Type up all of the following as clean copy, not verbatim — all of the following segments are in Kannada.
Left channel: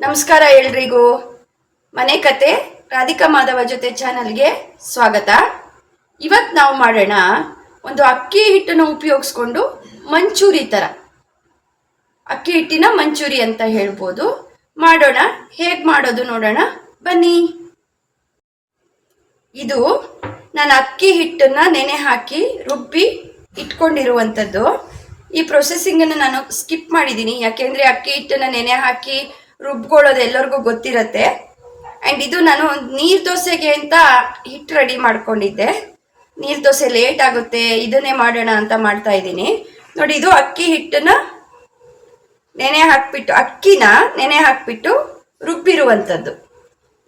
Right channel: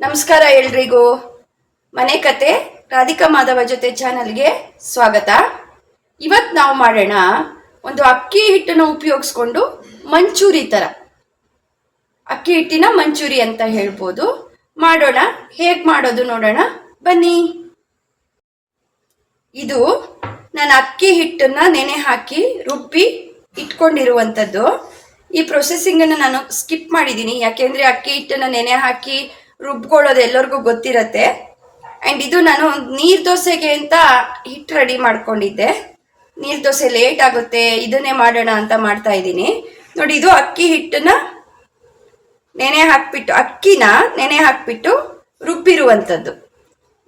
ನಮಸ್ಕಾರ ಎಲ್ರಿಗೂ. ಮನೆ ಕತೆ ರಾಧಿಕಾ ಮಾಧವ ಜೊತೆ ಚಾನಲ್ಗೆ ಸ್ವಾಗತ. ಇವತ್ತು ನಾವು ಮಾಡೋಣ ಒಂದು ಅಕ್ಕಿ ಹಿಟ್ಟನ್ನು ಉಪಯೋಗಿಸ್ಕೊಂಡು ಮಂಚೂರಿ ಥರ, ಅಕ್ಕಿ ಹಿಟ್ಟಿನ ಮಂಚೂರಿ ಅಂತ ಹೇಳ್ಬೋದು. ಮಾಡೋಣ, ಹೇಗೆ ಮಾಡೋದು ನೋಡೋಣ ಬನ್ನಿ. ಇದು ನಾನು ಅಕ್ಕಿ ಹಿಟ್ಟನ್ನು ನೆನೆ ಹಾಕಿ ರುಬ್ಬಿ ಇಟ್ಕೊಂಡಿರುವಂಥದ್ದು. ಈ ಪ್ರೊಸೆಸಿಂಗನ್ನು ನಾನು ಸ್ಕಿಪ್ ಮಾಡಿದ್ದೀನಿ, ಯಾಕೆಂದರೆ ಅಕ್ಕಿ ಹಿಟ್ಟನ್ನು ನೆನೆ ಹಾಕಿ ರುಬ್ಕೊಳ್ಳೋದು ಎಲ್ಲರಿಗೂ ಗೊತ್ತಿರತ್ತೆ. ಆ್ಯಂಡ್ ಇದು ನಾನು ನೀರು ದೋಸೆಗೆ ಅಂತ ಹಿಟ್ಟು ರೆಡಿ ಮಾಡ್ಕೊಂಡಿದ್ದೆ. ನೀರು ದೋಸೆ ಲೇಟ್ ಆಗುತ್ತೆ, ಇದನ್ನೇ ಮಾಡೋಣ ಅಂತ ಮಾಡ್ತಾ ಇದ್ದೀನಿ. ನೋಡಿ, ಇದು ಅಕ್ಕಿ ಹಿಟ್ಟನ್ನು ಅಕ್ಕಿನ ನೆನೆ ಹಾಕ್ಬಿಟ್ಟು ರುಬ್ಬಿರುವಂಥದ್ದು.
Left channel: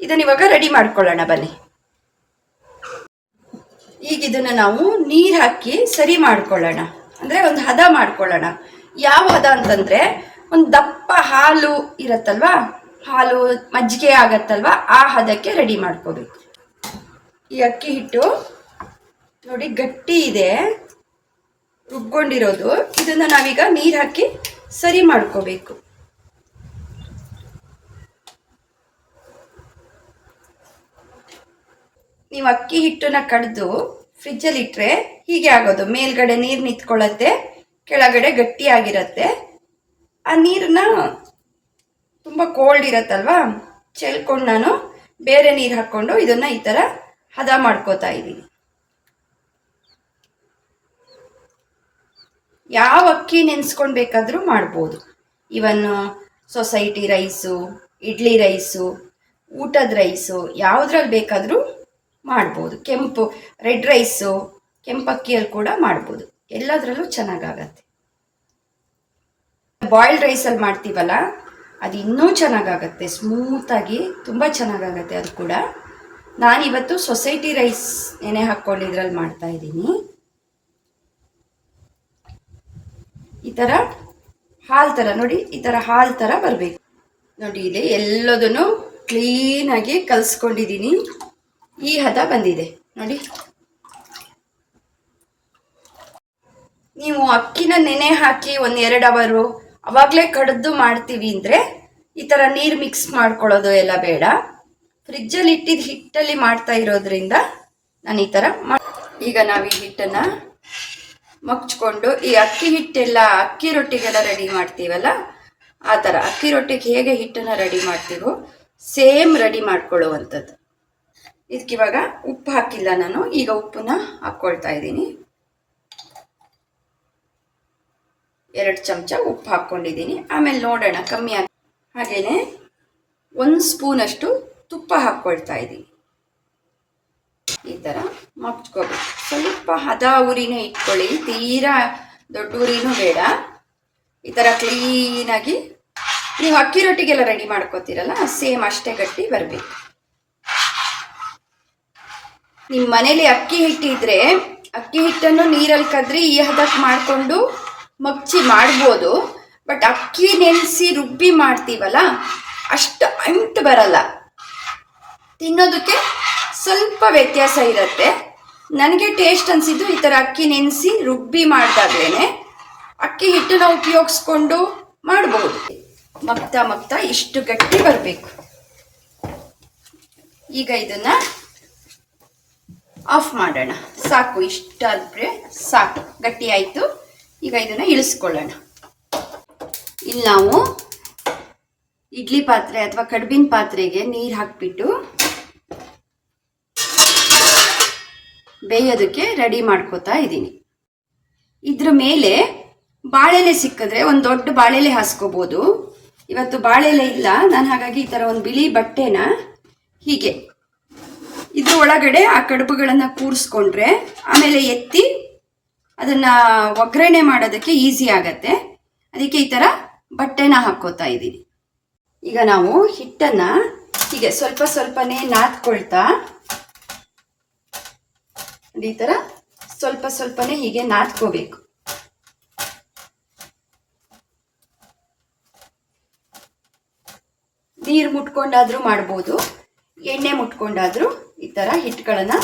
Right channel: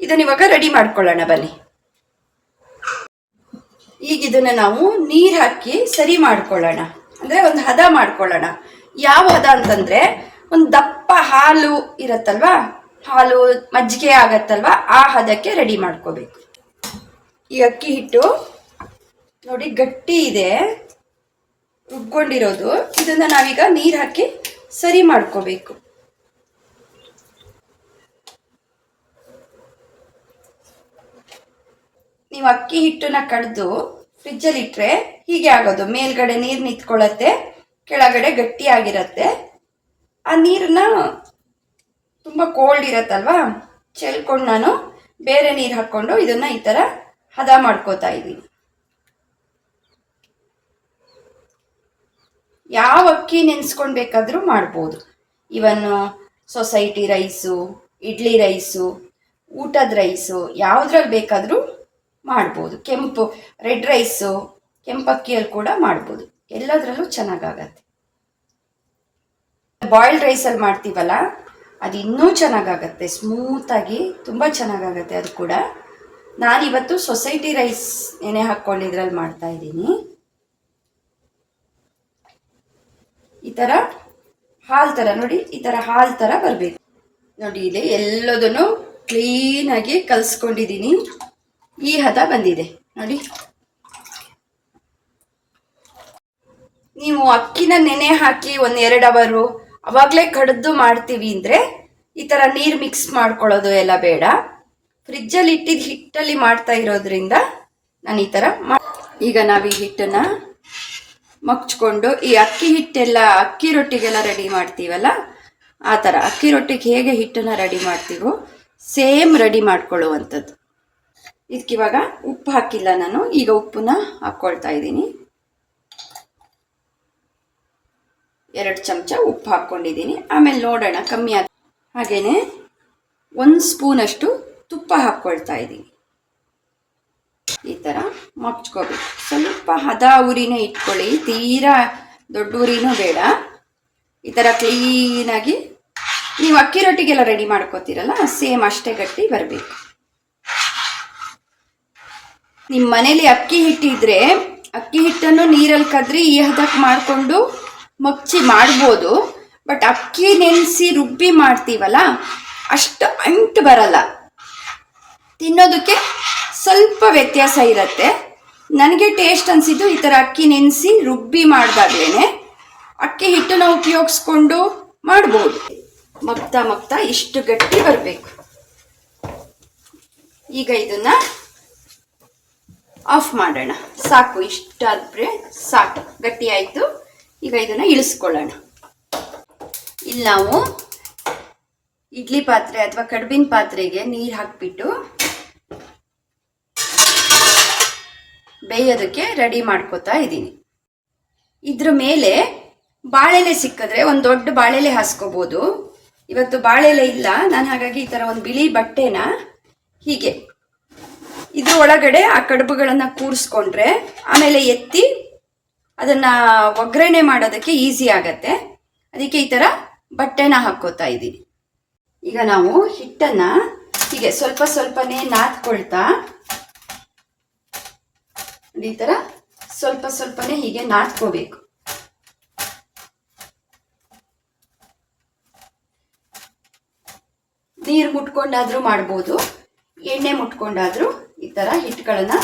ಇದನ್ನ ಇವಾಗ ರೆಡಿ ಮಾಡ್ಕೊಳ್ಳೋಣ ಬನ್ನಿ. ಈಗ ಇದನ್ನು ನಾವು ನೀರು ಹಾಕಿ ಸರಿ ಮಾಡ್ಕೊಳ್ಳೋಣ, ಅಂದರೆ ಒಂದು ಹದ ಮಾಡ್ಕೊಳ್ಳೋಣ. ಯಾವ ಹದ ಅಂತಂದರೆ, ಒಂದು ದಪ್ಪ ಹಾಲು ಇರತ್ತಲ್ವಾ, ಹಾಲು ಮಜ್ಜಿಗೆ ಆಗತ್ತಲ್ವಾ, ಆ ಹದಕ್ಕೆ ರೆಡಿ ಮಾಡ್ಕೋಬೇಕು. ಈ ಅಕ್ಕಿ ಹಿಟ್ಟು ನೋಡಿ ಗಟ್ಟಿ ಇದೆ, ರುಬ್ಕೊಂಡಿರೋದು. ಇದನ್ನು ನಾವೀಗ ನೀರು ಹಾಕಿ ಸರಿ ಮಾಡ್ಕೋಬೇಕು. ನೀವು ಅಕ್ಕಿ ಹಿಟ್ಟನ್ನ ಕಡ್ದು ಫ್ರಿಜ್ಜಲ್ಲಿ ಇಟ್ಟರೆ ಹೀಗೆ ಆಗೋದು. ಮೇಲ್ಗಡೆ ನೀರು ನಿಂತ್ಕೊಳ್ಳತ್ತೆ, ಕೆಳಗಡೆ ಗಟ್ಟಿಯಾಗಿರತ್ತೆ. ಆ ನೀರನ್ನ ತುಂಬ ಕೋಲ್ಡ್ ಇರತ್ತಲ್ವಾ, ಚೆಲ್ಕೊಂಡು ನಾನು ಬೇರೆ ನೀರು ಹಾಕ್ಕೊಂಡು ಇದನ್ನು ಈ ಥರ ಹದ ಮಾಡ್ಕೋತಾ ಇದ್ದೀನಿ. ಯಾವ ಅಕ್ಕಿ ನೆನೆಸ್ಕೊಂಡು ಬೇಕಾದರೂ ಮಾಡ್ಬೋದು. ಇವನ್ನು ಸೊಸೈಟಿ ರೈಸು, ಇಡ್ಲಿ ರೈಸು, ಊಟದ ರೈಸು, ಯಾವುದ್ರಲ್ಲಿ ಬೇಕಾದರೂ ಮಾಡ್ಬೋದು. ರೆಡ್ ರೈಸು, ಕೆಂಪಕ್ಕಿಯಲ್ಲಿ ಕೂಡ ಮಾಡ್ಬೋದು. ಎಲ್ಲದರಲ್ಲೂ ಚೆನ್ನಾಗಾಗತ್ತೆ. ಬಾಯ್ಲ್ಡ್ ರೈಸಲ್ಲಿ ಮಾಡ್ತೀವಲ್ಲ, ಅದು ಇನ್ನೂ ಚೆನ್ನಾಗಾಗತ್ತೆ, ಸ್ಮೂತಾಗಿ ತುಂಬ ಚೆನ್ನಾಗಾಗತ್ತೆ ಅದು ಕೂಡ. ನಾನಿವತ್ತು ಸೊಸೈಟಿ ರೈಸ್ ನೆನೆ ಹಾಕ್ಕೊಂಡಿದ್ರಲ್ಲಿ ಮಾಡ್ತಾ ಇದ್ದೀನಿ. ಈ ಥರ ಹಾಲು ಥರ ನೋಡಿ, ಈ ಥರ ಹಾಲು ಥರ ಬರಬೇಕು. ನೋಡಿ, ಇಲ್ಲಿ ಎಲ್ಲದನ್ನು ಕ್ಲೀನಾಗಿ ಕಲಿಸ್ಕೊಂಡಿದ್ದೀನಿ. ಈ ಹದ ಬಂದಿದೆ ನೋಡಿ. ನೀವು ಅಕ್ಕಿನ ನೆನೆ ಹಾಕಿ 1-2 ಅವರು ಅವಾಗಲೇ ಕಡ್ದು ಮಾಡ್ತೀವಿ ಅಂದರೆ ಈ ಥರ ನೀರು ಮಿಕ್ಸ್ ಮಾಡ್ಕೊಳ್ಳೋದು ಎಲ್ಲ ಬೇಡ. ಫ್ರಿಜ್ಜಲ್ಲಿ ಇಟ್ಟಿದ್ದು ಹಿಟ್ಟಲ್ಲಿ ಮಾಡ್ತಾ ಇರೋದ್ರಿಂದ ನಾನು ಈ ಥರ ಈಗ ನಾವು ಈ ಹಿಟ್ಟನ್ನು ಮಗ್ಚ್ಕೊಂಡು, ಈ ಅಕ್ಕಿ ಹಿಟ್ಟೆಲ್ಲ ಅಕ್ಕಿ ರೊಟ್ಟಿಗೆಲ್ಲ ರೆಡಿ ಮಾಡ್ತೀವಲ್ಲ, ಆ ಥರ ಅಕ್ಕಿ ರೊಟ್ಟಿಗೆ ಹೇಗೆ ಹಿಟ್ಟನ್ನು ರೆಡಿ ಮಾಡ್ತೀವೋ ಸೇಮ್ ರೆಡಿ ಮಾಡ್ಕೊಳ್ಳುವಂಥದ್ದು. ಇದಕ್ಕಿವಾಗ ಉಪ್ಪು ಹಾಕಿಲ್ಲ ನಾನು, ಈಗ ಉಪ್ಪನ್ನ ಹಾಕ್ಕೊಳ್ತಾ ಇದ್ದೀನಿ. 2 ಚಮಚ ಉಪ್ಪು ಹಾಕ್ಕೊಂಡಿದ್ದೀನಿ. ಆಮೇಲೆ ನೋಡೋಣ ಕಮ್ಮಿ ಆಗಿ. ಹಾಗೆಯೇ 1 ಸ್ಪೂನಷ್ಟು ತುಪ್ಪ ಹಾಕ್ಕೊಳ್ತಾ ಇದ್ದೀನಿ. ಈ ಥರ ಮಗ್ಚ್ಕೋಬೇಕು. ಸ್ವಲ್ಪ ಹದ ಉರಿನೇ ಇಟ್ಕೊಳ್ಳಿ, ತೀರಾ ದೊಡ್ಡ ಉರಿನೂ ಬೇಡ. ಈ ಥರ ಕ್ಲೀನಾಗಿ ನೀವು ಅಕ್ಕಿ ರೊಟ್ಟಿಗೆಲ್ಲ ರೆಡಿ ಮಾಡ್ಕೋತೀರಲ್ಲ, ಸೇಮ್ ಅಷ್ಟೇ ಗಟ್ಟಿ ಬರಬೇಕು. ನಿಮ್ಮ ಮನೇಲಿ ಅಕ್ಕಿ ಹಿಟ್ಟಿದ್ರೆ ಅಕ್ಕಿ ಹಿಟ್ಟನ್ನು ನೀರಲ್ಲಿ ಕದ್ರಿ ಈ ಹದಕ್ಕೆ ಮಾಡಿಕೊಂಡು ಮಗ್ಚಿ ಮಾಡ್ಬೋದು. ಬಟ್ ಅಕ್ಕಿ ನೆನೆಸಿ ರುಬ್ಬಿ ಮಾಡ್ತೀವಲ್ಲ, ಅಷ್ಟು ಅಂಟು ಬರಲ್ಲ, ತಿನ್ನೋದಕ್ಕೆ ಸ್ವಲ್ಪ ವ್ಯತ್ಯಾಸ ಇರುತ್ತೆ. ನನಗೆ ಟೇಸ್ಟ್ ಅನಿಸಿದ್ದು ಈ ಥರ ಅಕ್ಕಿ ನೆನೆಸಿ ರುಬ್ಬಿ ಮಾಡಿದಾಗ್ಲೇ ಅಕ್ಕಿ ಹಿಟ್ಟನ್ನು ಉಪಯೋಗಿಸ್ಕೊಂಡು ಮಾಡ್ಬೋದು. ಮಗ್ತಾ ಇಷ್ಟು ಗಟ್ಟಿ ಬರಬೇಕು. ಈಗ ಇದನ್ನು ಆಫ್ ಮಾಡೋಣ. ಸಾಕು, ಇಷ್ಟಾದರೆ ಸಾಕು, ಗಟ್ಟಿ ಆಯಿತು. ಈಗ ಇದನ್ನು ಇಳಿಸ್ಕೊಳ್ಳೋಣ. ಇಲ್ಲಿ ನಾವು ಇಡ್ಲಿ ಪಾತ್ರೆ ಅಥವಾ ಕಡುಬಿನ ಪಾತ್ರೆಗೆ ನೀರು ಹಾಕಿಬಿಟ್ಟು ಬೇಯೋದಕ್ಕೆ ರೆಡಿ ಮಾಡ್ಕೋತಾ ಇದ್ದೀನಿ. ಇದ್ರ ಮೇಲೆ ಬಾಳೆಲೆ ಸಿಕ್ಕಿದ್ರೆ ಒಂದು ದೊಡ್ಡ ಬಾಳೆಲೆ ಹಾಸ್ಕೋಬೋದು. ಇವತ್ತು ಬಾಳೆಲೆ ಇಲ್ಲ ನಾನು, ಹಾಗಾಗಿ ಈ ಥರ ಒಂದು ಬಿಳಿ ಬಟ್ಟೆನ ಹೀಗೆ ಇದ್ರ ಒಳಗಡೆ ಆ ಕಡುಬುಗಳನ್ನು ಕೂರಿಸ್ಕೊಂಡ್ರೆ ಆಮೇಲೆ ಎತ್ತಿ ಅದನ್ನು ಒಗ್ಗರಣೆ ಮಾಡೋದಕ್ಕೆ ಈಸಿ ಆಗತ್ತೆ. ಅದಕ್ಕೆ ಈ ಥರ ಬಟ್ಟೆನ ಹಾಕ್ಕೋತಾ ಇದ್ದೀನಿ. ಈಗ ನಾವು ಹಿಟ್ಟನ್ನು ಹೀಗೆ ಸ್ವಲ್ಪನೇ ನಾದ್ಕೊಳ್ತಾ, ಈ ಥರ ಸ್ವಲ್ಪನೇ ಹೀಗೆ ನಾದ್ಕೋಬೇಕು. ನೀರು ಮುಟ್ಕೊಂಡಾದರೂ ಮಾಡ್ಬೋದು, ಎಣ್ಣೆ ಮುಟ್ಕೊಂಡಾದರೂ ಈ ಥರ ಹಿಟ್ಟುಗಳನ್ನು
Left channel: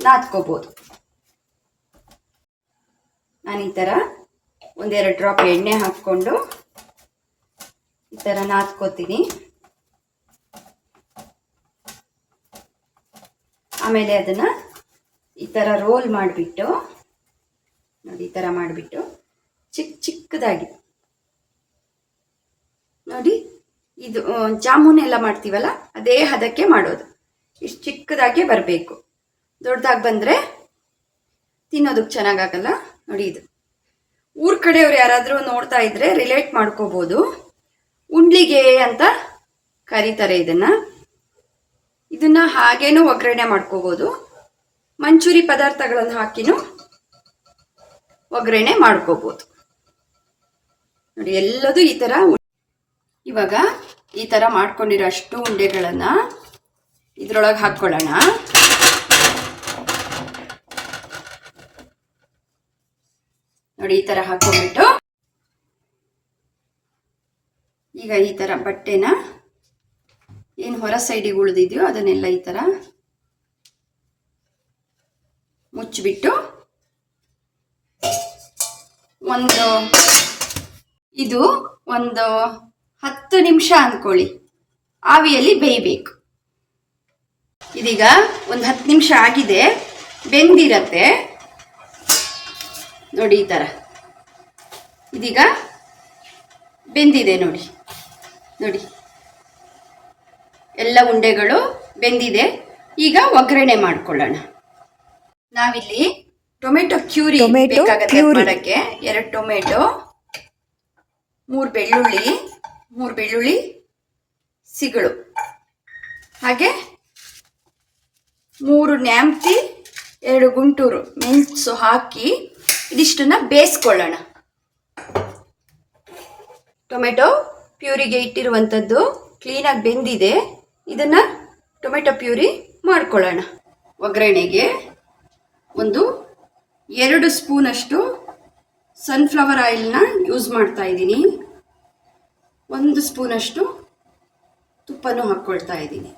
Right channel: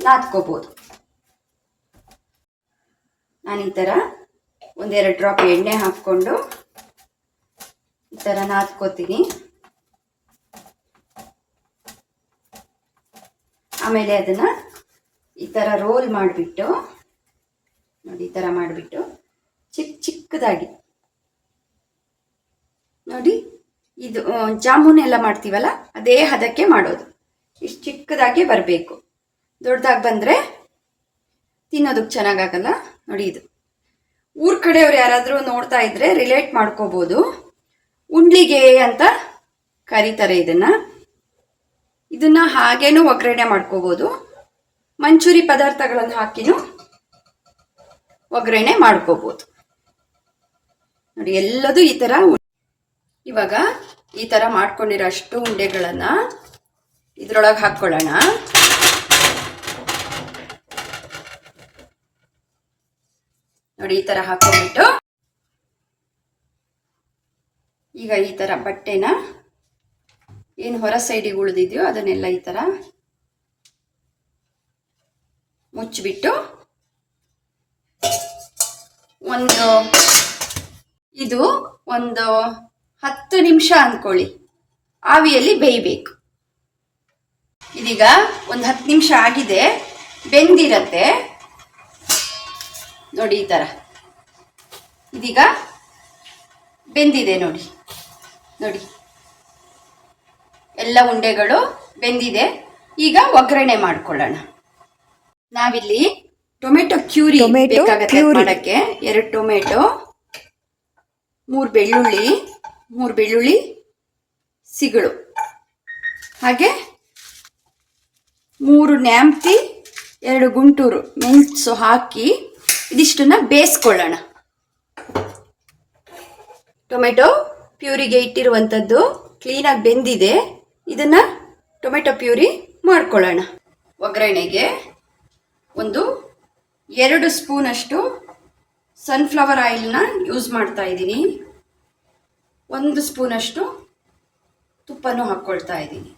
ನಾದ್ಕೋಬೋದು. ನಾನು ಈ ಥರ 1-2 ಡ್ರಾಪ್ ಎಣ್ಣೆ ಹಾಕ್ಕೊಂಡು ಈ ಥರ ನಾದ್ಕೋತೀನಿ. ಆಮೇಲೆ ಅದನ್ನು ಈ ಥರ ರೋಲ್ ಮಾಡಿಬಿಟ್ಟು ನೋಡಿ, ಈ ಥರ ಮಾಡಿಬಿಟ್ಟು ಚಿಕ್ಕದಾಗಿ ನೋಡಿ, ಇದು ಜಾಮೂನ್ ಎಲ್ಲ ಮಾಡ್ತೀವಲ್ಲ ಅದೇ ಹದಕ್ಕೆ ಮಾಡೋದು. ಇಷ್ಟು ಚಿಕ್ಕದಾಗಿ ಬರಬೇಕು. ದೊಡ್ಡದಾಗಿ ಬಂದರೆ ತಿನ್ನೋದಕ್ಕೆ ಚೆನ್ನಾಗಾಗಲ್ಲ. ನೋಡಿ, ಇದು ಊರ ಕಡೆಯವ್ರು ಯಾರಾದರೂ ನೋಡ್ತಾ ಇದ್ರೆ ರಿಲೇಟ್ ಮಾಡ್ಕೋಬೋದು. ಉಂಡ್ಲಿಗೆ ಅಂತ ಕರೀತಾರೆ ಇದನ್ನು ಹಾಗೇನೂ ಒಗ್ಗರಣೆ ಮಾಡ್ಕೋಬೋದು. ಮಂಚೂರಿ ಪದಾರ್ಥಗಳನ್ನು ಹಾಕಿನೂ ಒಗ್ಗರಣೆ ಮಾಡ್ಕೋಬೋದು. ನೋಡಿ, ಎಲ್ಲದೂ ಈ ಥರ. ಇವಾಗ ಈ ಥರ ಮಾಡ್ಕೊಂಡಿರೋ ಅಷ್ಟು ಉಂಡೆಗಳನ್ನು ಇದ್ರೊಳಗೆ ಹಾಕ್ಕೊಳ್ಳೋಣ. ನೋಡಿ, ಈ ಥರ ಹಾಕೊಂಡ್ಬಿಟ್ಟು ಈಗ ಈ ಥರ ಬಟ್ಟೆನ ಏನು ಹೊರ ಸೈಡಿಗೆ ಉಳಿದಿದೆಯೋ ಅದನ್ನೆಲ್ಲ ಈ ಥರ ಮುಚ್ಚಿಬಿಟ್ಟು ಇದು ಒಂದು 10 ನಿಮಿಷ ಅಂದ್ಕೊಳ್ಳಿ ಆವಿಯಲ್ಲಿ ಬೇಯಬೇಕು. ಇದೀಗ ಒಂದು 10 ನಿಮಿಷ ಆಗಿದೆ, ಬೆಂದಿರತ್ತೆ ನೋಡಿ. ಈ ಥರ ಇದೀಗ ಬೆಂದಿದೆ ನೋಡಿ. ಎಲ್ಲ ಉಂಡೆಗಳು ಬೆಂದಿದೆ. ಈಗ ಒಗ್ಗರಣೆ ಮಾಡ್ಕೊಳ್ಳೋಣ. ನಾವಿಲ್ಲಿ ಟೊಮೆಟೊ ಕ್ಯೂರಿ ಬೇಕಾಗತ್ತೆ ಮಾಡೋಕ್ಕೆ. 2 ಟೊಮೆಟೊ, 3 ಬೆಳ್ಳುಳ್ಳಿ ಸಿಗಳು, ಹಾಗೆ 3 ನ್ಯಾಮ್ತಿ, 2 ಗುಂಟೂರು ಮೆಣಸು ಹಾಕಿ ಇದಿಷ್ಟನ್ನ ಬೇಯಿಸ್ಕೊಳ್ಳೋಣ. ಟೊಮೆಟೊ ಪ್ಯೂರಿಗೆ ಇಟ್ಟಿರುವಂಥದ್ದು ಕ್ಲೀನಾಗಿ ಬೆಂದಿದೆ. ಇದನ್ನು ಟೊಮೆಟೊ ಪ್ಯೂರಿ ಮಾಡ್ಕೊಳ್ಳೋಣ. ಒಗ್ಗರಣೆಗೆ 2 ಸ್ಪೂನಷ್ಟು ಸನ್ಫ್ಲವರ್ ಆಯಿಲ್ನ ಯೂಸ್ ಮಾಡ್ತಾ ಇದ್ದೀನಿ. 1 ಸ್ಪೂನಷ್ಟು ತುಪ್ಪನೂ ಹಾಕ್ಕೊಳ್ತಾ ಇದ್ದೀನಿ.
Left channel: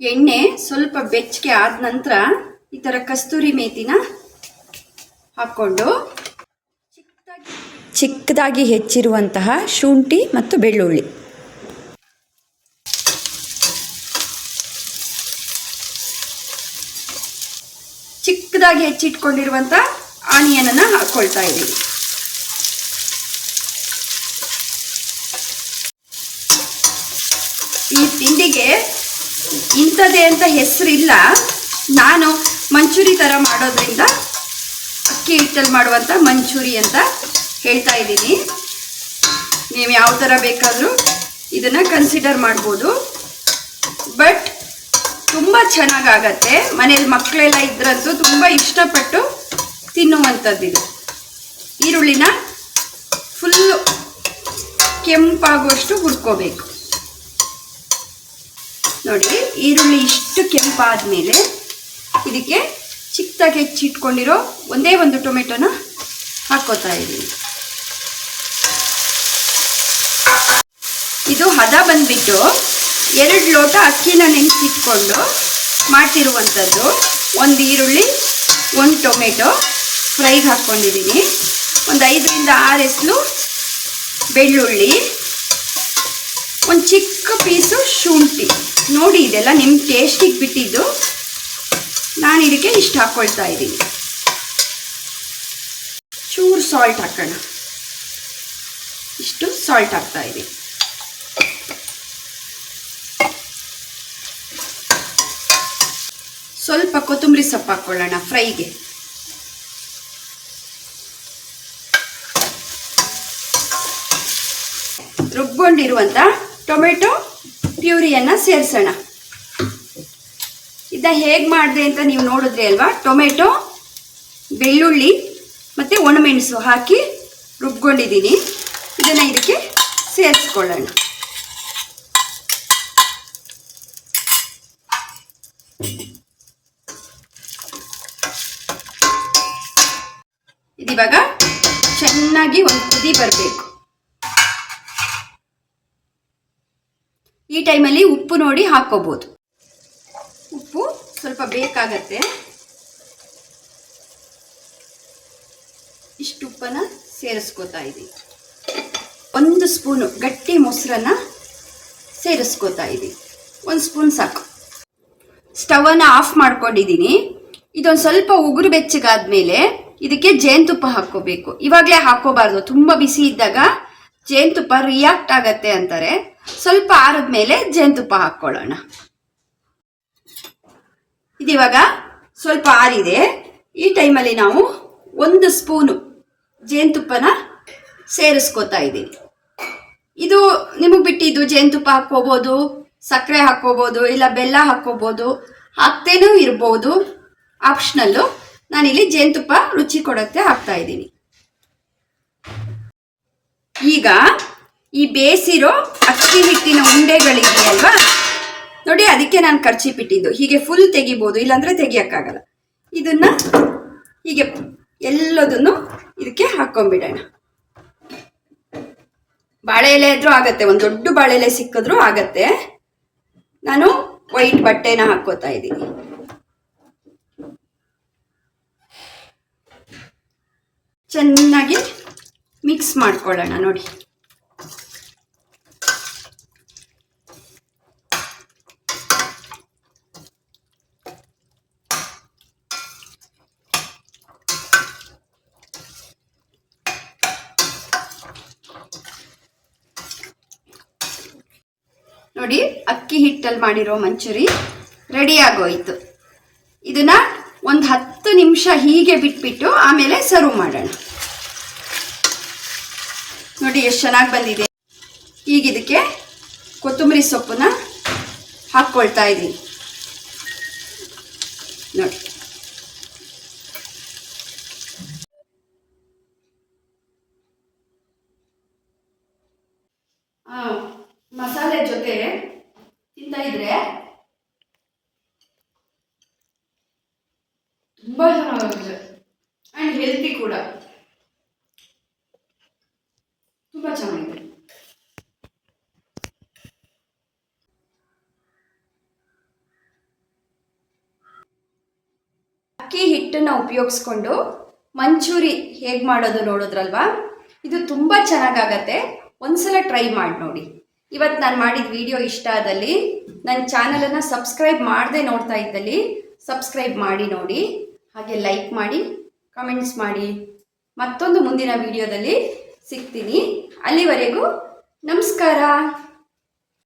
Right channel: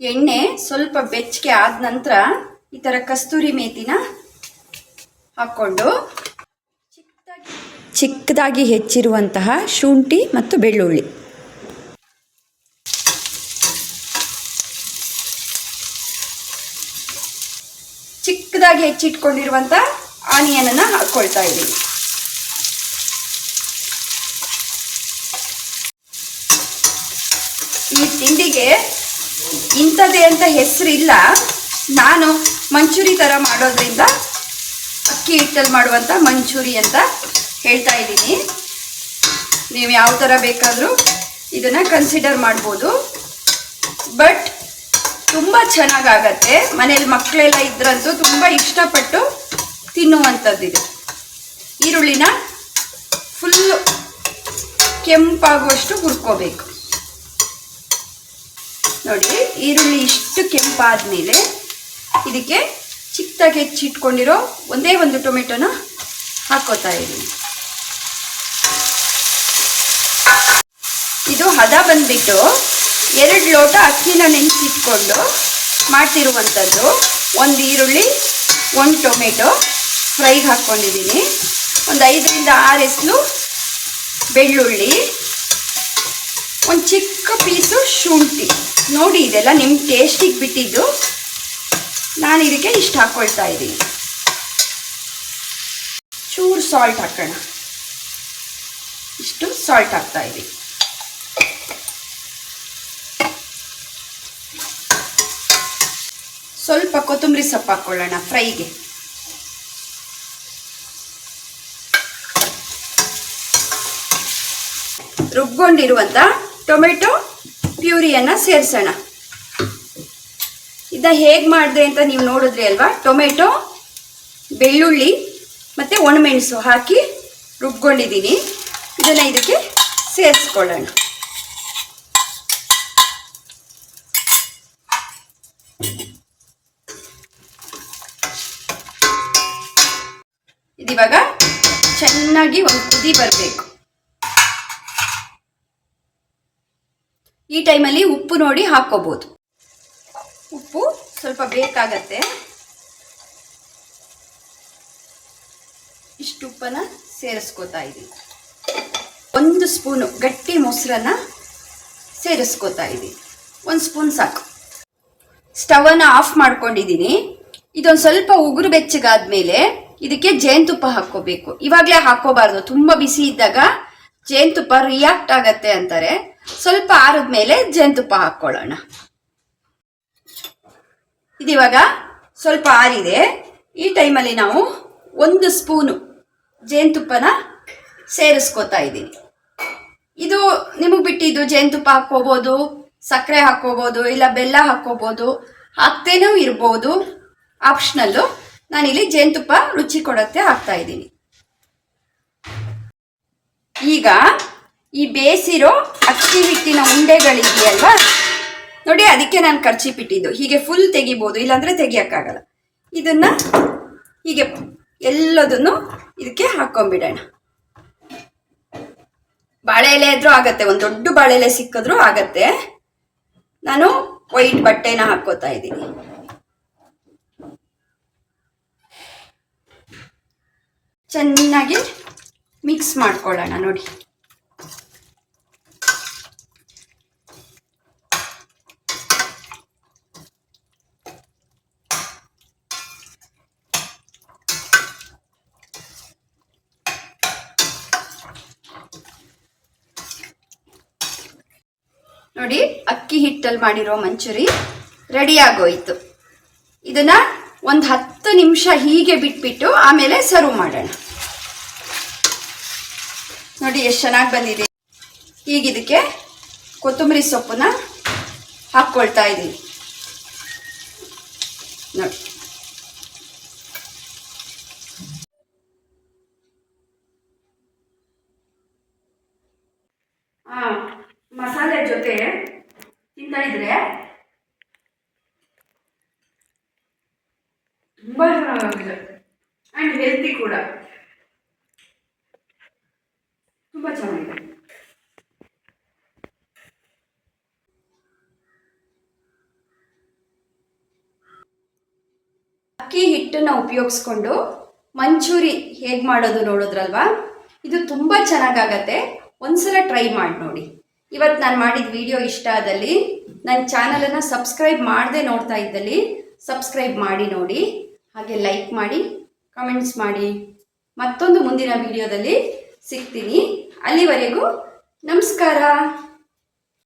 ಎಣ್ಣೆ ಸ್ವಲ್ಪ ಬೆಚ್ಚಗೆ ಆದ ನಂತರ ಈ ಥರ ಕಸ್ತೂರಿ ಮೇಥಿನ ಹಾಕ್ಕೊಂಡು ಚಿಕ್ಕದಾಗಿ ಹೆಚ್ಚಿರುವಂತಹ ಶುಂಠಿ ಮತ್ತು ಬೆಳ್ಳುಳ್ಳಿ, ಚಿಕ್ಕದಾಗಿ ಹೆಚ್ಚಿಟ್ಕೊಂಡಿರುವಂಥ ಆನಿಯನನ್ನು ಹಾಕ್ಕೊಳ್ತಾ ಇದ್ದೀನಿ. ಈ ತಿಂಡಿಗೆ ಇಂಥದ್ದೇ ಅಂತ ಹೆಸರಿಲ್ಲ. ನಾನು ಮಂಚೂರಿ ಥರ ಮಾಡೋದ್ರಿಂದ ಅಕ್ಕಿ ಹಿಟ್ಟಲ್ಲಿ ಮಾಡುವಂಥ ಮಂಚೂರಿ ಅಂತ ಹೇಳ್ತಾ ಇದ್ದೀನಿ. ನೀವು ಯಾವ ಥರ ಬೇಕಾದರೂ ಇದನ್ನು ಕನ್ಸಿಡರ್ ಮಾಡ್ಬೋದು. ಬಟ್ ತುಂಬ ಚೆನ್ನಾಗಾಗತ್ತೆ. ಮನೇಲಿ ಮಕ್ಕಳೆಲ್ಲ ಇದ್ರಂತೂ ತುಂಬ ಇಷ್ಟಪಟ್ಟು ತಿನ್ನುವಂಥದ್ದಿದು. ಈರುಳ್ಳಿನ ಫುಲ್ಲು ಕೆಂಪಾಗುವಷ್ಟು ಹುರ್ಕೋಬೇಕು ನೋಡಿ. ಈರುಳ್ಳಿ ಇಷ್ಟು ಕೆಂಪಾದ ಮೇಲೆ ಇದಕ್ಕೆ ಚಿಕ್ಕದಾಗಿ ಹೆಚ್ಚಿಟ್ಕೊಂಡಿರೋ ಒಂದೇ ಒಂದು ಟೊಮೆಟೊನ ಹಾಕ್ಕೋತಾ ಇದ್ದೀನಿ. ಇದು ಹದ ಬಂದುಬಿಟ್ಟು 2 ಲೋಟ ಅಕ್ಕಿನ ನೆನೆಸಿಟ್ಕೊಂಡು ಮಾಡ್ತಿರುವಂಥದ್ದು. 1 ಈರುಳ್ಳಿ, 1 ಟೊಮೆಟೊ ಫ್ರೈಗೆ ಹಾಕ್ಕೊಂಡಿದ್ದೀನಿ. ಒಂದು 5ರಿಂದ 6 ಎಸಳು ಬೆಳ್ಳುಳ್ಳಿ, ಒಂದು ಚಿಕ್ಕ ಪೀಸು ಶುಂಠಿ. ನೋಡಿ, ಇದೆಲ್ಲ ನಿಮ್ಮ ಟೇಸ್ಟಿಗೆ ಬಿಟ್ಟಿದ್ದು. ನಾನು ಇದಕ್ಕೆ ಇಷ್ಟು ಹಾಕ್ಕೊಳ್ತಾ ಇದ್ದೀನಿ. ಚೂರು ಸಾಲ್ಟ್ ಹಾಕೋಣ. ಇಷ್ಟು ಸಾಲ್ಟ್ ಹಾಕ್ತಾ ಇದ್ದೀನಿ. ಸ್ವಲ್ಪ ಕೊತ್ತಂಬರಿ ಸೊಪ್ಪು ಹಾಕ್ಕೊಳ್ಳೋಣ ಫ್ರೈಗೆ. ರುಬ್ಕೊಂಡಿರುವಂಥ ಟೊಮೆಟೊ ಪ್ಯೂರಿಯನ್ನು ಸೇರಿಸೋಣ. ಇದನ್ನ ಹೇಗೆ ಮಾಡಿದೆ ಅಂತ ನೀವು ನೋಡಿದ್ರಿ ಅಲ್ವಾ. ಟೊಮೆಟೊ, ಬೆಳ್ಳುಳ್ಳಿ ಮತ್ತು ಒಣಮೆಣಸು ಹಾಕಿ ರುಬ್ಕೊಂಡಿದ್ದೀನಿ. ಇದನ್ನು ಇದಕ್ಕೆ ಸೇರಿಸ್ಕೊಳ್ಳೋಣ. ಇದಿವಾಗ ಚೆನ್ನಾಗಿ ಒಂದು ಕುದಿ ಬರಬೇಕು. ಈ ಟೈಮಲ್ಲಿ ಉಪ್ಪು ನೋಡಿ ಹಾಕ್ಕೋಬೋದು. ಉಪ್ಪು ಸ್ವಲ್ಪ ಬೇಕಾಗತ್ತೆ. ಇಷ್ಟು ಉಪ್ಪನ್ನು ಸೇರಿಸ್ಕೋತಾ ಇದ್ದೀನಿ. 1 ಸ್ಪೂನು ಗಟ್ಟಿ ಮೊಸರನ್ನ ಸೇರಿಸ್ಕೋತಾ ಇದ್ದೀನಿ. 1 ಸ್ಪೂನ್ ಸಾಕು. ಸ್ಟವನ್ನು ಆಫ್ ಮಾಡ್ಕೊಂಡಿದ್ದೀನಿ. ಇದೊಂದು ಸ್ವಲ್ಪ ಉಗುರು ಬೆಚ್ಚಗಾದ್ಮೇಲೆ ಇದಕ್ಕೆ ಜೇನುತುಪ್ಪ ಹಾಕ್ಕೋಬೇಕು. ಇವಾಗಲೇ ಹಾಕೋಬಾರ್ದು, ತುಂಬ ಬಿಸಿ ಇದ್ದಾಗ ಜೇನುತುಪ್ಪ ರಿಯಾಕ್ಟ್ ಆಗತ್ತೆ ಅಂತಾರೆ. ಸ್ವಲ್ಪ ಆರಿದ್ಮೇಲೆ ಜೇನುತುಪ್ಪ ಹಾಕ್ಕೊಳ್ಳೋಣ. ಇದಿವಾಗ ಸ್ವಲ್ಪ ಆರಿದೆ. ಈ ಟೈಮಲ್ಲಿ ನಾವು 1 ಸ್ಪೂನು ಜೇನುತುಪ್ಪನ ಸೇರಿಸ್ಕೋತಾ ಇದ್ದೀನಿ. ಇದು ನಿಮಗೆ ಬಿಟ್ಟಿದ್ದು, ಜೇನುತುಪ್ಪ ಹಾಕ್ಕೋಬೋದು, ಸಕ್ಕರೆ ಹಾಕ್ಕೋಬೋದು, ಇಲ್ಲ ಬೆಲ್ಲ ಹಾಕ್ಕೋಬೋದು, ಹಾಕ್ತೇನೂ ಇರ್ಬೋದು, ಆಪ್ಷನಲ್ಲು. ನಾನಿಲ್ಲಿ ಜೇನುತುಪ್ಪ ರುಚಿ ಕೊಡೋಕ್ಕೆ ಹಾಕ್ತಾ ಇದ್ದೀನಿ. ಈಗ ಈ ಬೇಯಿಸಿರೋ ಅಕ್ಕಿ ಹಿಟ್ಟಿನ ಉಂಡೆಗಳಿದೆಯಲ್ವಾ ನೋಡಿ, ಅದಕ್ಕೆ ನಾನು ಕರ್ಚೀಪ್ ಇಟ್ಟಿದ್ದು. ಹೀಗೆ ಫುಲ್ ತೆಗಿಬೋದು, ಇಲ್ಲಾಂದರೆ ತೆಗಿಯೋಕ್ಕಾಗಲ್ಲ. ಇದನ್ನು ಹೀಗೆ ಎಲ್ಲದನ್ನು ಇದಕ್ಕೆ ಹಾಕ್ಕೊಂಬಿಡೋಣ. ಬಾಳೆ ಎಲೆ ಇದ್ರೂ ಆಗತ್ತೆ, ಒಂದು ದೊಡ್ಡ ಬಾಳೆ ಎಲೆ ಸಿಕ್ಕಿದ್ರೂ ಆಗತ್ತೆ. ನಾನು ವೈಟ್ ಬಟ್ಟೆನ ಹಾಕ್ಕೋತಾ ಇದ್ದೀನಿ. ಚೆನ್ನಾಗಿ ಮಿಕ್ಸ್ ಮಾಡ್ಕೊಳ್ಳೋಣ. ನೋಡಿ, ನೋಡಿ ಅಕ್ಕಿ ಹಿಟ್ಟಲ್ಲಿ ಮಾಡಿರೋ ಮಂಚೂರಿ ರೆಡಿ ಆಗೋಯ್ತು. ಇದನ್ನ ಒಂದು 10 ನಿಮಿಷ ಹೀಗೆ ಬಿಟ್ಬಿಟ್ಟು ಆಮೇಲೆ ಸರ್ವ್ ಮಾಡೋಣ. ನೋಡಿ ಎಷ್ಟು ಚೆನ್ನಾಗಿ ಬಂದಿದೆ. ಈಗ ಇದಕ್ಕೆ ಕೊತ್ತಂಬರಿ ಸೊಪ್ಪನ್ನ ಹಾಕ್ಕೊಳ್ತಾ ಇದ್ದೀನಿ. ನೋಡಿ, ಮಸಾಲೆ ಜೊತೆ ತಿಂತಾ ಇದ್ರೆ ತುಂಬಾ ಚೆನ್ನಾಗಿದೆ ಅಂಡ್ ಹೆಲ್ತಿ ಕೂಡ ತುಂಬಾ ಚೆನ್ನಾಗಿದೆ. ಅಕ್ಕಿ ಹಿಟ್ಟನ್ನು ಉಪಯೋಗಿಸ್ಕೊಂಡು ಮಂಚೂರಿ ಹೇಗೆ ಮಾಡೋದು ನೋಡಿದ್ರಲ್ವಾ? ಇದು ತುಂಬ ಚೆನ್ನಾಗಾಗತ್ತೆ. ಒಂದ್ಸಲ ಟ್ರೈ ಮಾಡಿ ನೋಡಿ. ಇವತ್ತು ನಾನು ಮಾಡಿದ ವಿಡಿಯೋ ಇಷ್ಟ ಆದಲ್ಲಿ, ನನ್ನ ಚಾನಲನ್ನು ಸಬ್ಸ್ಕ್ರೈಬ್ ಮಾಡದೆ ನೋಡ್ತಾ ಇದ್ದಲ್ಲಿ ಸಬ್ಸ್ಕ್ರೈಬ್ ಮಾಡಿ ನೋಡಿ, ಹಾಗೆ ಲೈಕ್ ಮಾಡಿ, ಕಮೆಂಟ್ಸ್ ಮಾಡಿ. ಮತ್ತೊಂದು ಮುಂದಿನ ವಿಡಿಯೋದಲ್ಲಿ ಸಿಗ್ತೀನಿ. ಅಲ್ಲಿವರೆಗೂ ನಮಸ್ಕಾರ.